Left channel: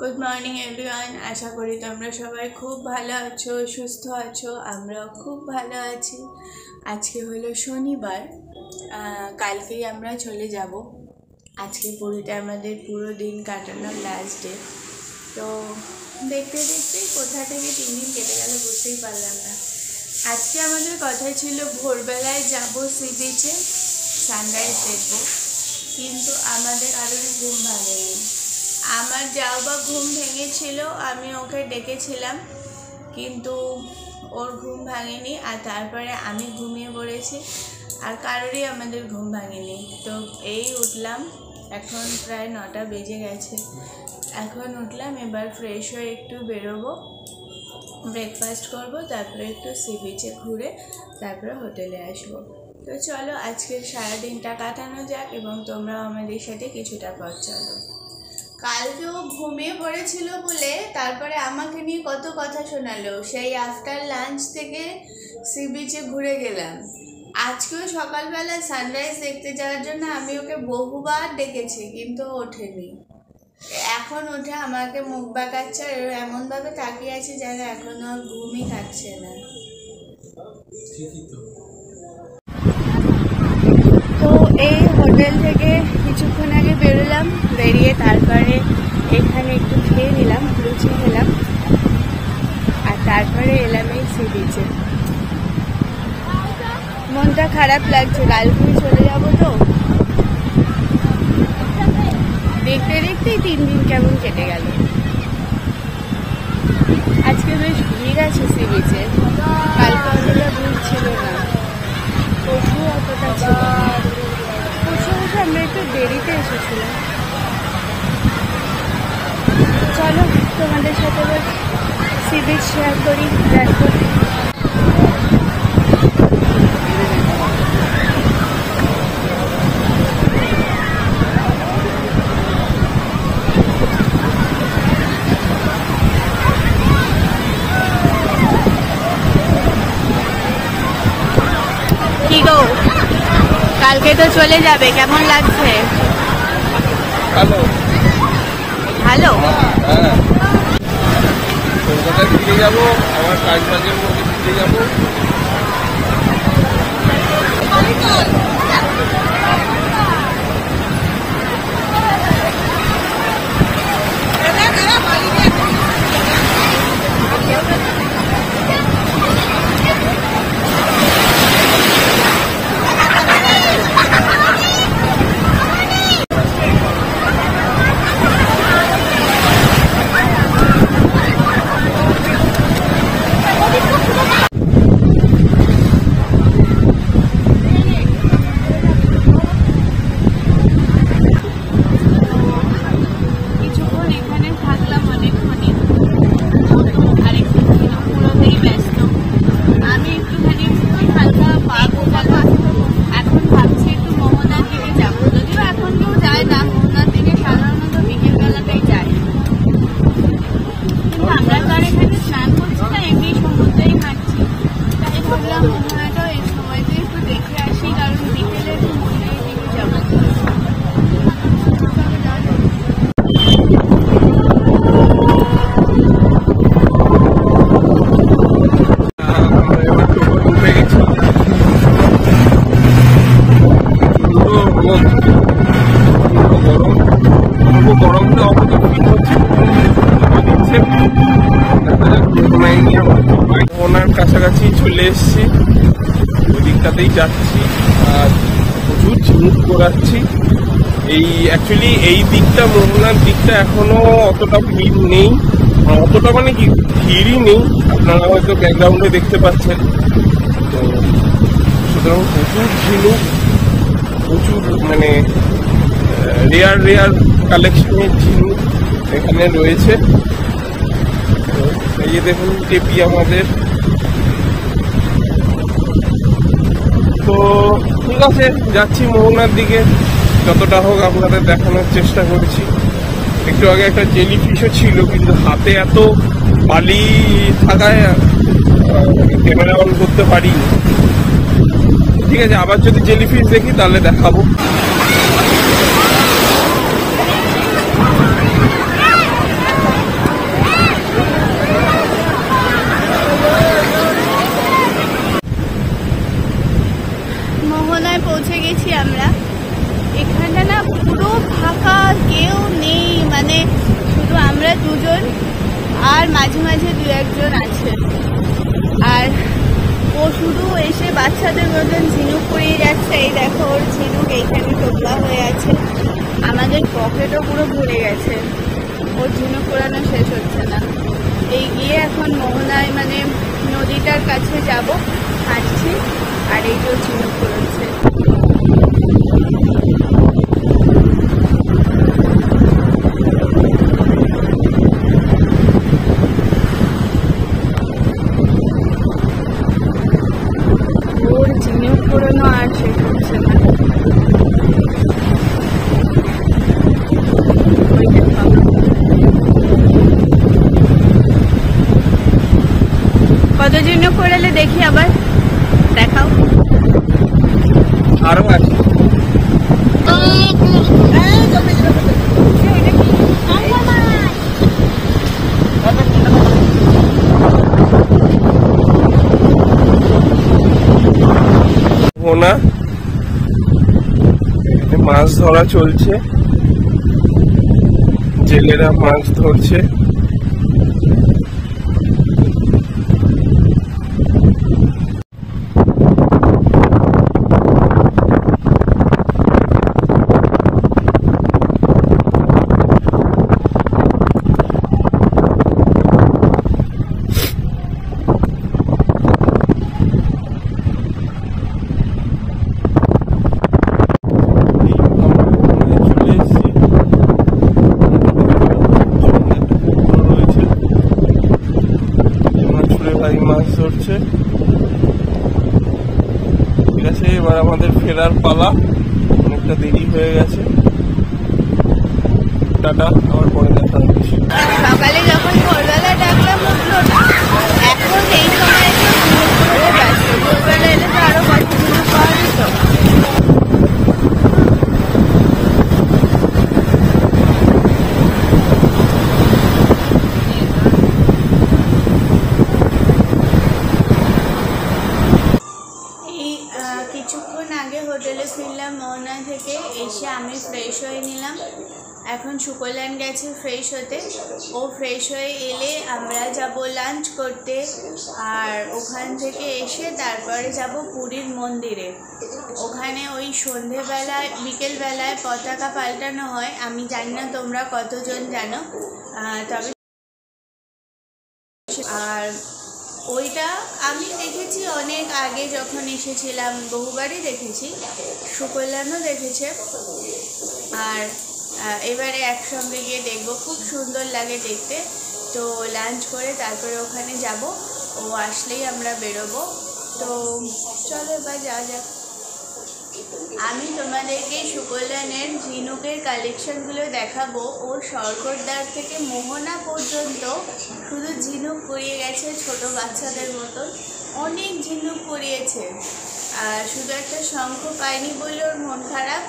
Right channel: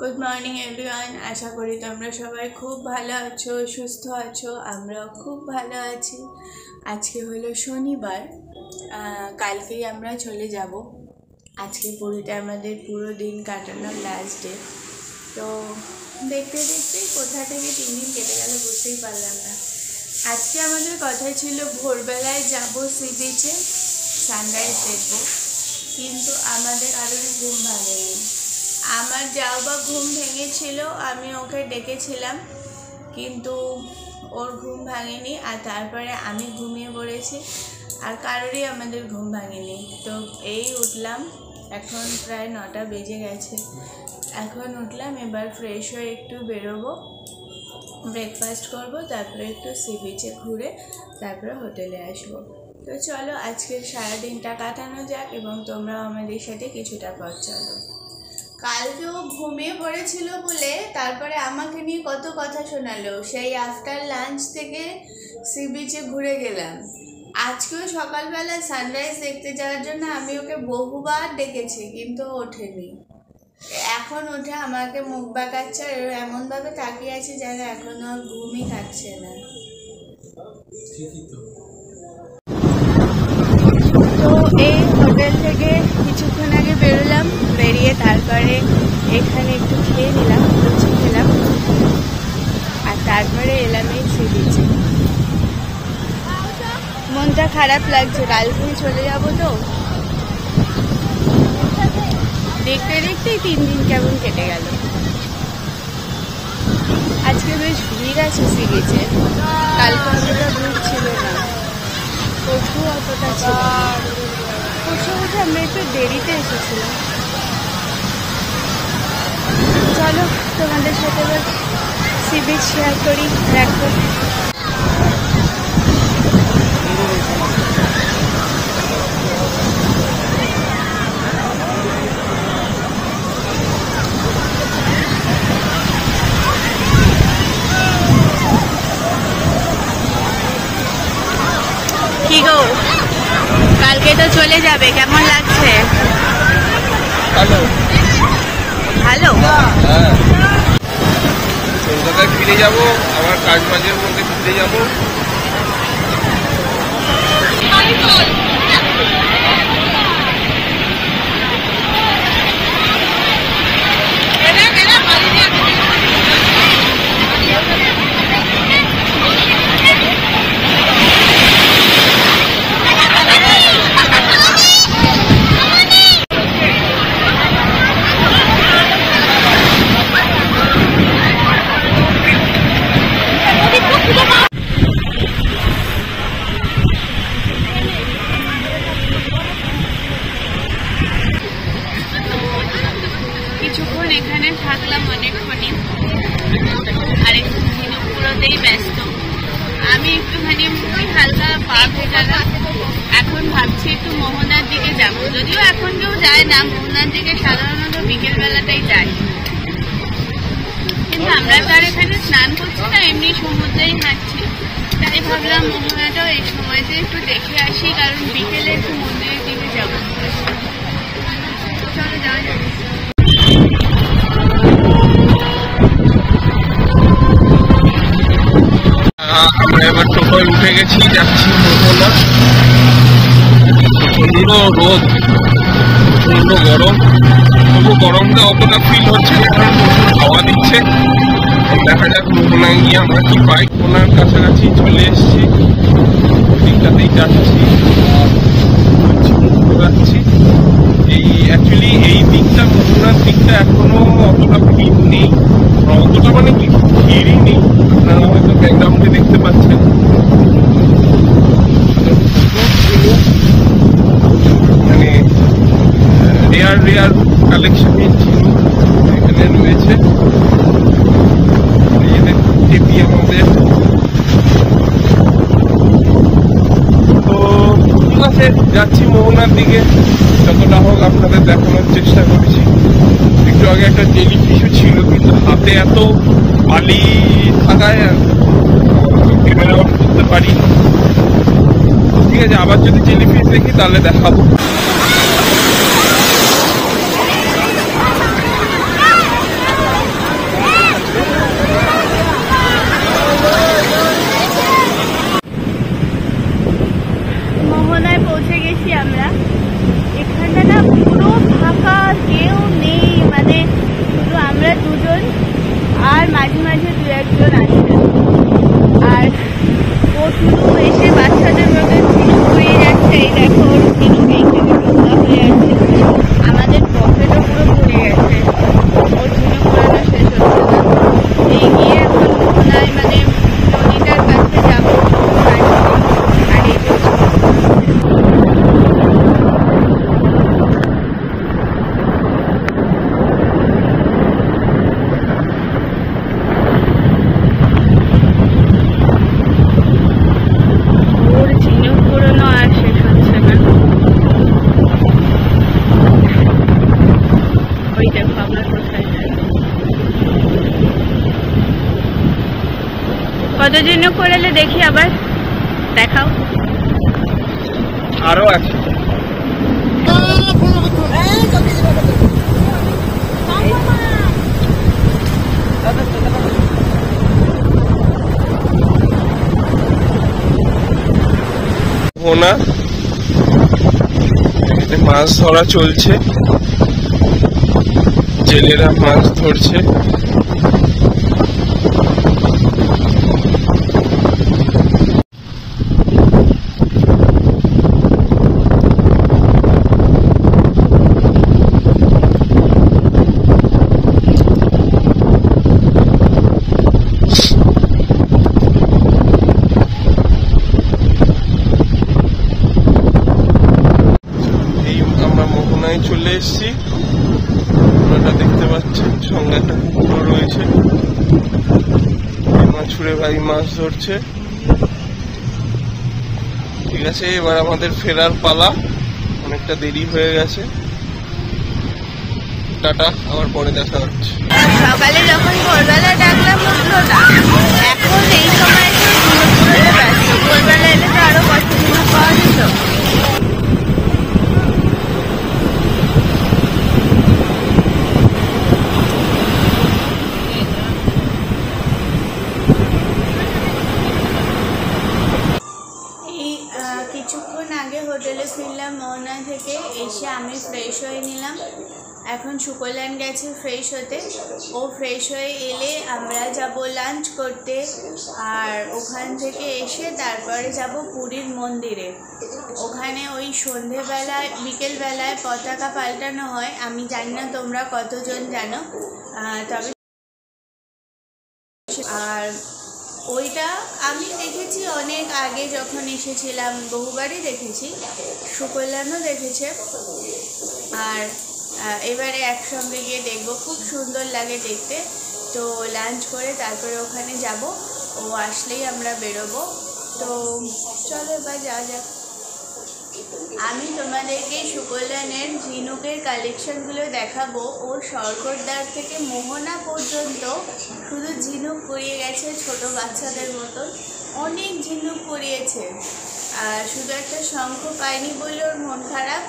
Good morning everyone. আশা করি তোমরা সবাই খুব ভালো আছো, সুস্থ আছো। আমরাও খুব ভালো আছি। আজকে হলো শনিবার, কালকেই আমরা চলে যাব। আজকে পুরীতে আমাদের পুরো দিন কাটানোর লাস্ট ডে। তো দেখতে দেখতেই কোথা থেকে 3 দিন কেটে গেল বুঝতেই পারলাম না। আজকে আমাদের কথা ছিল ভোরবেলায় যাব সি বিচে, সানরাইজ দেখব, কিন্তু আমাদের কারোর ঘুম ভাঙেনি। আমার যাও বা ঘুম ভেঙেছিল, আমি ওকে ডেকেছিলাম কিন্তু ওর ঘুম ভাঙেনি। আর তারপরে আমি ঘুমিয়ে পড়েছি, আর কারোরই আমাদের ঘুম ভাঙেনি। তো এই উঠলাম, এখন প্রায় 9টা বেজে গেছে। এখন উঠলাম, এবার ফ্রেশ হয়ে একটু বেরোবো, ব্রেকফাস্ট করব, তারপরে একটু সি বিচে ঘুরে তারপরে হোটেলে আসবো। তো চলো আজকের সারাদিনটা কাটানো যাক এবং তোমরাও আমাদের সাথে কিছুটা পথ চলো। কালকেও ঘুমিয়ে পড়েছিল বলে তারপরে আমাকে নিয়ে কত কথা শোনালো। সেই আফটার লাঞ্চ থেকে সি বিচে ঘুরে গেলাম। আজকেও সকালবেলা সানরাইজ দেখতে যাওয়ার জন্য আমি ওকে বহুবার ডেকেছি, কিন্তু ওঠেনি। এখন উঠে আমাকে মুখ বাঁকাচ্ছে আর এমনভাবে তাকিয়ে আছে যেন এখনো ঘুমই থাকছে না। তো এই হোটেল থেকে কিছুক্ষণ আগে বেরোলাম, বেরিয়ে তারপরে এখানে একটু খেয়ে নিলাম, লুচি খেলাম, আর তারপরে এলাম এই সি বিচে। মনটা খারাপ লাগছে, কালকেই চলে যাব। তো দেখতে দেখতেই 3 দিন কেমন কেটে গেল। আজকে বেশ ভিড় আছে সি বিচে, কালকে অতটা ভিড় ছিল না, প্রচুর অতটা ছিল। প্রচুর আমরা একটু দেরিতে এসেছিলাম। চলো তোমাদের সাথে এবার সি বিচ শেয়ার করি। দেখো কি গো, কালকে তো চলে যাবে, কেমন লাগছে? ভালো ভালো। কলকাতায় ফিরে যাবো, আবার কাজ বাজের মধ্যে ফিরে যাবো। থাকলাম অনেকক্ষণই, আর একটুখানি পুরোতেই ব্যস্ত। আমি একটুখানি হালকা পা ভেজালাম। এখন ভাবছি একটু মোহনার দিকে যাব, যদিও এখন কেউ যায় না মোহনার দিকে, সাধারণত বিকেলবেলাতেই যায়। কিন্তু আমরা তো আর এখানে স্নান করছি না, এমনি সমুদ্রেই হাঁটছি। তাই ভাবলাম মোহনাটাও এই সময়তে একটু দেখে আসি, কারণ বিকেলে একটু মন্দিরের দিকে যাবো। চলো যাওয়া যাবে। আমরা এবার টোটোয় উঠে গেছি, যাচ্ছি প্রচন্ড রোদ, প্রচন্ড গরম। তবু গরমটা অতটা ফিল হচ্ছে না, কারণ হাওয়া দিচ্ছে। দেখা যাক মোহনায় গিয়ে আমরা কি পাই। মোহনার কাছাকাছি চলে এসছি, ওই দিকটাতেই যাচ্ছি আর ঝিনুক ঘোরাচ্ছি। অ্যাকচুয়ালি এই দিকটা, মোহনার দিকটা এখনো অতটা ভিড় নেই, অতটা মানে কি ভিড়ই নেই। আপনারা হয়তো ব্যাকগ্রাউন্ডে দেখতে পাচ্ছেন প্রচুর ঝিনুক, প্রচুর মানে রেয়ার কালেকশনের ঝিনুক এখানে রয়েছে। এই যে দেখুন টেপি আমাদের। তো ঠিক আছে, যাচ্ছি মোহনার দিকে, যতটা হোক আপনাদের দেখানোর চেষ্টা করেছি। একটু আগে একটা জেলি কিছু ছিল, কিন্তু হাতে এত বালি থাকায় ক্যামেরা অন করতে পারি। ঠিক আছে, আবার যদি জেলিফিশ দেখি তাহলে দেখাবো। মোহনায় পৌঁছে গেছি আমরা। এখানটা না পুরো ফাঁকা, কেউ নেই, মানে শুধু আমরা দুজন আর মাঝে মাঝে দু একজন আছে। আর ও শুধু এসে বাচ্চাদের মতন ঝিনুক ঘুরিয়ে যাচ্ছে। এই দেখো ওর ঝিনুক এইখানে টোকা হয়ে আছে, আমাদের পকেটও পুরো ভরে গেছে, ওর ঝিনুক ঘোরানো শেষ হচ্ছে না। এই গিয়ে এখন মোহনায় মানে নদীটার কাছে যাবো, আর এই যে ঝিনুক ঘুরছে। কত জন্য করলো দেখি, আবার দেখাও। আরো আছে। মোহনা, এখানে মাছ ধরা চলছে, জেলেরা মাছ ধরছে। মাছ ধরছে। ঠিক আছে, এবার আমাদের ফেরার পালা, অনেকটা দেরি হয়ে গেছে। টাটা, আবার পরে দেখা হচ্ছে। সকালে যখন ভোরবেলা ডাকলাম উঠলো না, এখন এই সময় একটু ঝিনুক কুড়োতে ব্যস্ত। ভোরবেলা এলে তো আরো কত ঝিনুক পাওয়া যেত। কিছুক্ষণ আগে হোটেলে ফিরলাম মোহনা থেকে, এসে আমি ফ্রেশ হয়ে নিলাম। এখন সুকল্যাণ গেছে ফ্রেশ হতে, ও ফ্রেশ হয়ে এলে আমরা যাব লাঞ্চ করতে। আর ওখান থেকে এসে তারপরে যাব পুরীর মন্দিরে। ওখানে ওই সন্ধেবেলায় বিকেলবেলায় পতাকা পাল্টানো হয়। আমি জানি না তোমরা কতজন জানো, তবে আর ওইটা আমি দেখেছি অনেক আগে যখন এসেছিলাম, বহুবারই দেখেছি, সুকল্যাণও দেখেছে। আর এবারে একসঙ্গে গিয়ে দেখবো, খুব সুন্দর লাগে দেখতে। তো লাঞ্চ করে তারপরে ওখানে যাব, ও আসলেই আমরা বেরোবো। তো চলো এবার যাওয়া যাক। আমি তোমাদেরকে সুকল্যাণের ঝিনুকের কালেকশনগুলো দেখাবো। ও সরকরদার থেকে মোহনা পর্যন্ত শুধু ঝিনুক কুড়িয়ে গেছে, ছোট বাচ্চাদের মতন অনেক ঝিনুক কুড়িয়েছে। আর শুধু একটা শঙ্খ পায়নি বলে ওর মন খারাপ।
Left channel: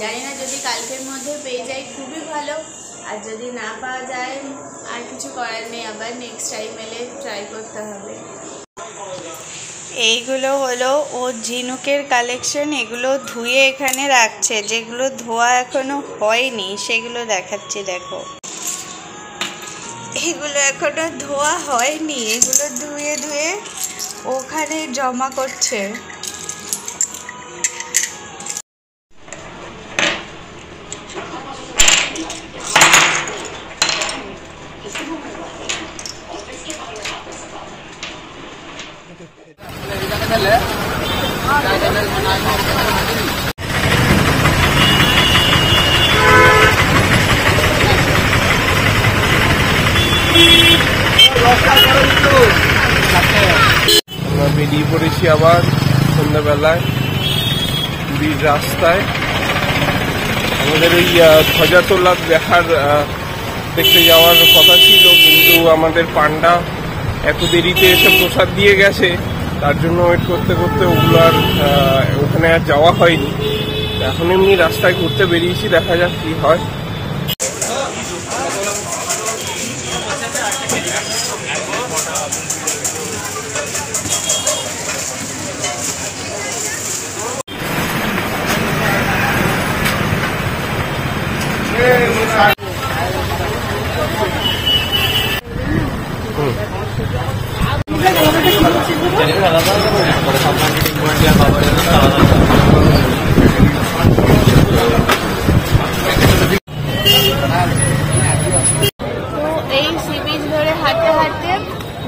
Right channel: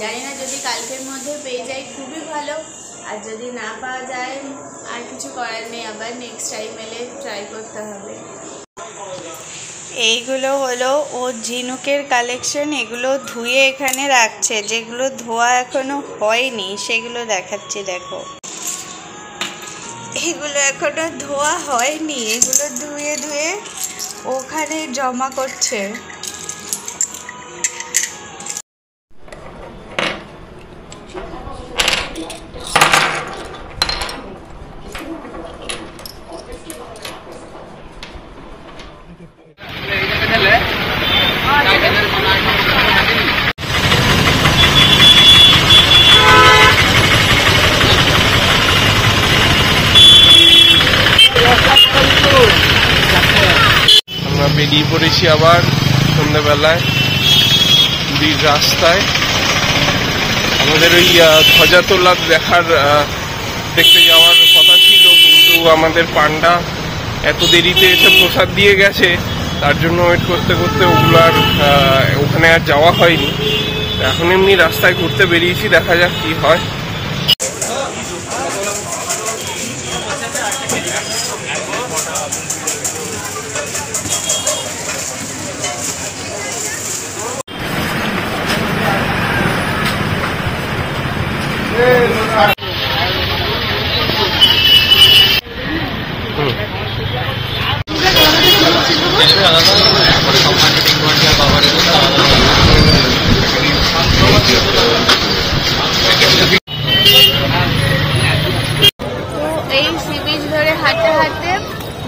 জানি না, যদি কালকের মধ্যে পেয়ে যাই খুবই ভালো, আর যদি না পাওয়া যায় আর কিছু করার নেই, আবার নেক্সট টাইম এলে ট্রাই করতে হবে। এইগুলো হলো ওর ঝিনুকের কালেকশন। এগুলো ধুয়ে এখানে রাখছে, যেগুলো ধোয়া এখনো হয়নি সেগুলো দেখাচ্ছি। দেখো, এগুলো এখনো ধোয়া হয়নি, এগুলো ধুয়ে ধুয়ে ওখানে জমা করছে। আমরা বেরিয়ে পড়েছি আবার সন্ধ্যাবেলায় পুরীর রাস্তায়। আমাদের ওই ধ্বজা তোলা দেখতে যাওয়ার কথা ছিল, কিন্তু আমাদের পান্ডা এত দেরিতে এসে প্রসাদ দিয়ে গেছে, তার জন্য ওয়েট করতে করতে ওগুলো আর ওখানে আর যাওয়া হয়নি। এখন এমনি রাস্তায় ঘুরতে বেরিয়েছি, দেখা যাক কি হয়।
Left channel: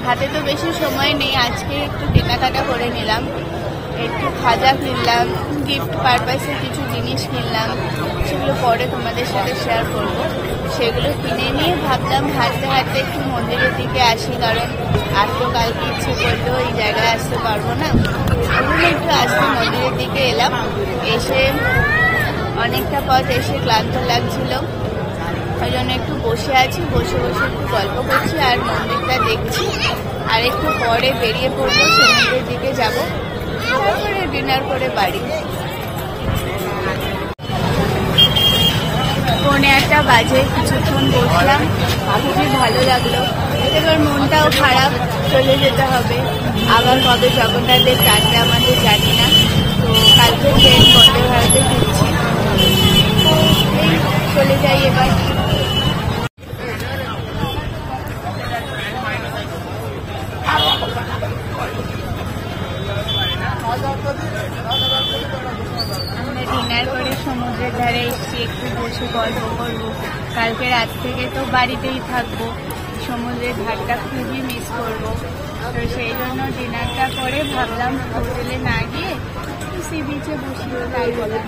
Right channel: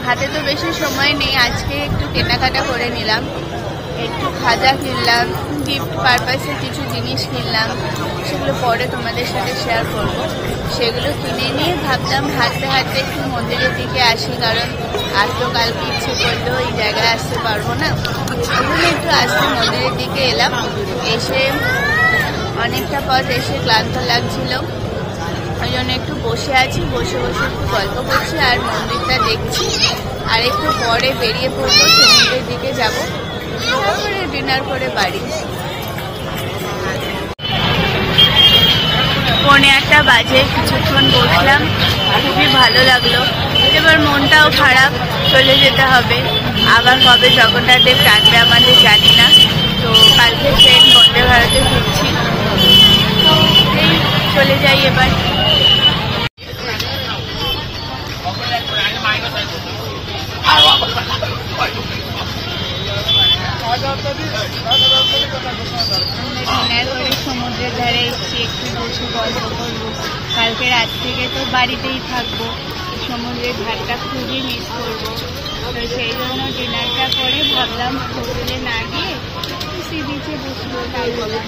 হাতে তো বেশি সময় নেই, আজকে একটু কেনাকাটা করে নিলাম, একটু খাজা কিনলাম, গিফট পারপাসে কিছু জিনিস কিনলাম, সেগুলো পরে তোমাদের সাথে শেয়ার করব। সেগুলো কিনে নিয়ে ভাবলাম হাঁটতে হাঁটতে একটু মন্দিরের দিকে আসি, কারণ আর তো কালকে ইচ্ছে করলেও এই জায়গায় আসতে পারবো না, ওই জন্য একটু আসতে মন্দিরের দিকে এলাম। এসে অনেকটা পথ এসে ক্লান্ত লাগছিল, ওই জন্য একটু বসে আছি, বসে বসে একটু গল্প করছি আর মন্দিরটা দেখছি। আর একটু পরে বেরিয়ে পড়বো, সমুদ্রের দিকে যাব, তারপরে ডিনার করে বাড়ি। 8:30 বাজে, কিছুক্ষণ বসলাম, খুবই ভালো লাগলো। এবার মনটাও খারাপ, চলে যেতে হবে। আবার কবে জগন্নাথ দেব টানবে আমাদের জানি না। তো কালকে ট্রেন বন্দে ভারতে ফিরছি, তো এই চলে যাই এবার। আমরা ডিনার করে সমুদ্রের ধারে এসেছি, একটু বসে গল্প করবো। কালকে রাত থেকে তো বাড়িতেই থাকবো, সমুদ্রের ধারটা খুবই মিস করবো। তো সেই জন্য ডিনারটা করে ভাবলাম হোটেলে না গিয়ে সি বিচে বসবো, তাই বললাম।